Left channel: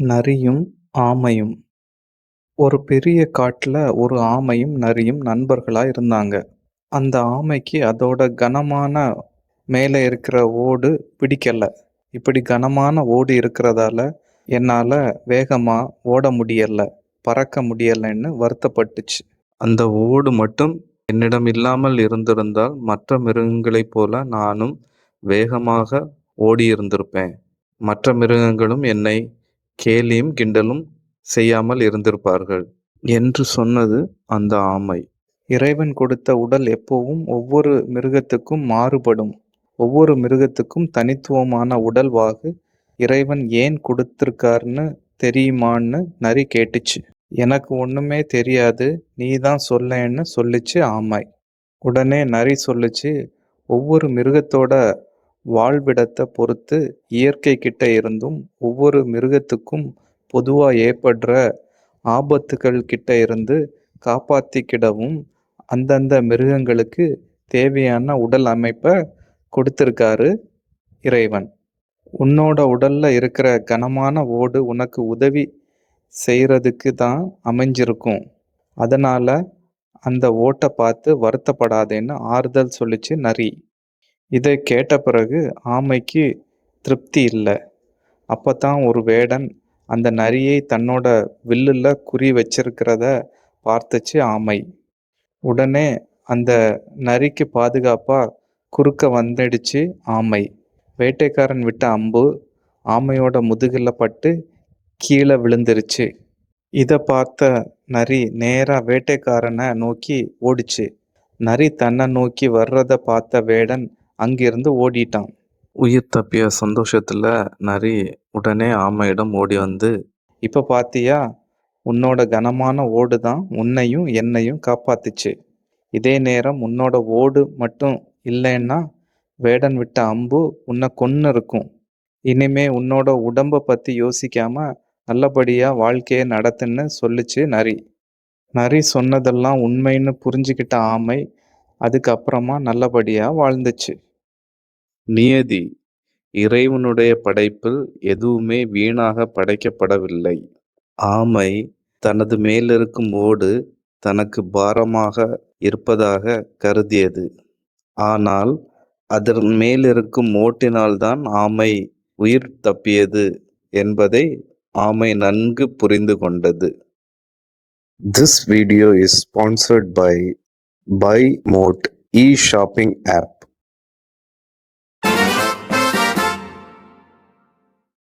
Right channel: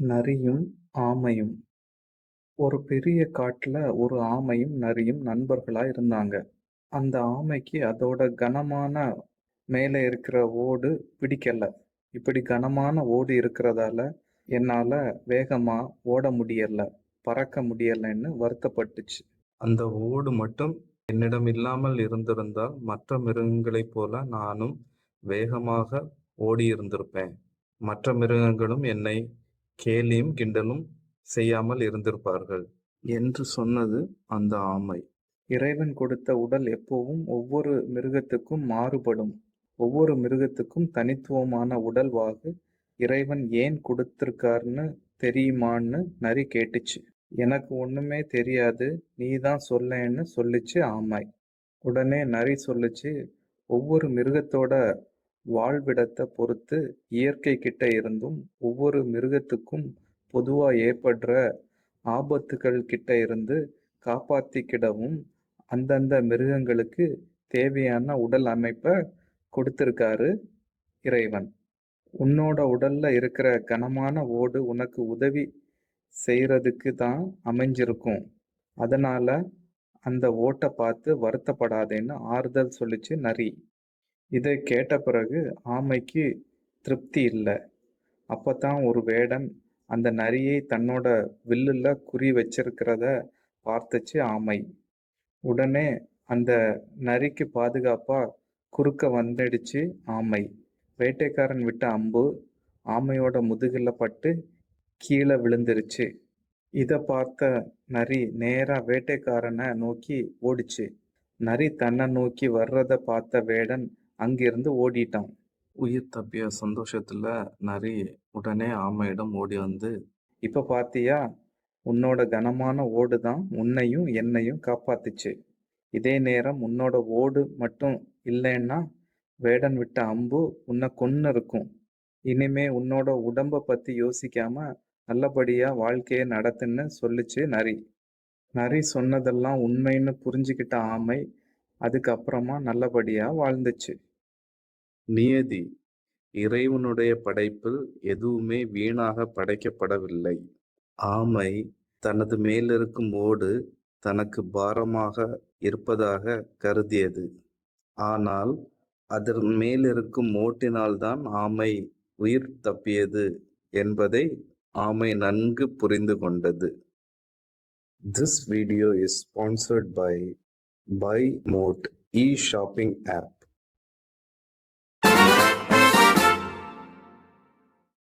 நரியும் ஆமையும். ஒரு பெரிய காட்டுல ஒரு ஆமையும் நரியும் நண்பர்களா இருந்தாங்க. அந்த ஆமைக்கு அதோட கனமான மேலே இருக்கிற ஓடு பிடிக்கல. இப்படி கனமான ஓடு இருக்கிறதால என்னால வேகமா ஓட முடியல, பறக்க முடியலன்னு வருத்தப்பட்டுச்சு. அந்த ஓடு மட்டும் என்னிடம் இல்லாமல் இருந்திருந்தால் மற்ற மிருகங்களைப் போல நானும் வேகமாக ஓடியிருந்திருப்பேன். மற்ற மிருகங்களும் என்னை கேலியும் கிண்டலும் செய்யாமல் இருந்திருப்பார்கள் என்று சொன்னது அந்த ஆமை. இறைவன் கொடுத்த உடல் எப்பவும் ஒவ்வொரு மிருகத்துக்கும் மாறுபடும். ஒவ்வொரு மிருகத்துக்கும் தனித்துவமான உடல்வாகு இறைவன் ஏன் கொடுத்திருக்காருன்னு தெரியுமான்னு நரி கேட்டுச்சு. எனக்கு ஒண்ணுமே தெரியாது, நீதான் சொல்லேன்னு சொல்லுச்சு ஆமை. உடனே நரி சொல்லுச்சு, ஒவ்வொரு மிருகத்தோட வாழ்விடத்தை பொறுத்து இயற்கை கிட்ட இருந்தும் ஒவ்வொரு மிருகத்துக்கும் பொதுவா ஏற்படுற ஆபத்துகள் கிட்ட இருந்து காப்பாத்திக்கிடவும் அந்தந்த மிருகங்களுக்கு தேவையான உடல் அமைப்பை கொடுத்திருக்காரு இறைவன். உன்னோட உடல்ல இருக்கிற கனமான ஓடு உனக்கு உதவி செய்யறதுக்கு தான் அமைஞ்சிருக்கும். அதனால அந்த ஓட்டை பார்த்து வருத்தப்படாதேன்னு ஆறுதல் சொல்லிச்சு நரி. இதை கேட்ட பிறகு ஆமைக்கு திருப்தி இல்லை. அப்பதான் ஒரு வேடன் அந்த நரியை தன்னோட வில்லுல குறி வச்சிருக்கிறத பார்த்துச்சு ஆமை. உடனே அந்த நரிக்கு பாதுகாப்பா குறுக்க வந்துடுச்சு ஆமை. வேட்டைக்காரன் விட்ட அம்பு ஆமையோட முதுகுல பட்டு கீழே விழுந்துருச்சு. இதை பார்த்த நரி நேரா வேட்டைக்காரனை நோக்கி ஓடிச்சு. நரி தன்னை நோக்கி வர்றத பார்த்த வேடன் அங்கிருந்து ஓடிட்டான். உயிர் தப்பிய சந்தோஷத்துல நரி உடனே ஆமையிடம் ஓடி வந்து, இப்ப பாத்தியா, உன்னோட கனமான ஓடு தான் உன்னையும் என்னையும் காப்பாத்துச்சு. இதே நேரம் உன்னோட ஓடு மட்டும் இல்லைன்னா வேடன் விட்ட அம்பு உன்னை கொன்னு இருக்கும். இனிமே உன்னோட உடம்ப பத்தி யோசிக்காம நல்லபடியா வாழ்க்கையை நடத்துன்னு சொல்லுச்சு நரி. நரி சொன்னதெல்லாம் உண்மைன்னு புரிஞ்சுக்கிட்ட ஆமை அதுக்கப்புறமா நல்லபடியா வாழ்ந்துச்சு. நியதி. இறைவனுடைய படைப்பில் எதுவுமே வீணாக படைக்கப்படவில்லை. ஆமை தனது மேலிருக்கும் ஓடு தனக்கு பாரமாக இருப்பதாக கருதியது. ஆனால் அதன் மேலிருக்கும் ஓட்டினால்தான் ஆமை உயிர் தப்பியது என்பதை ஆமை நன்கு புரிந்து கொண்டது. This video is sponsored by BuyMote e-shopping app.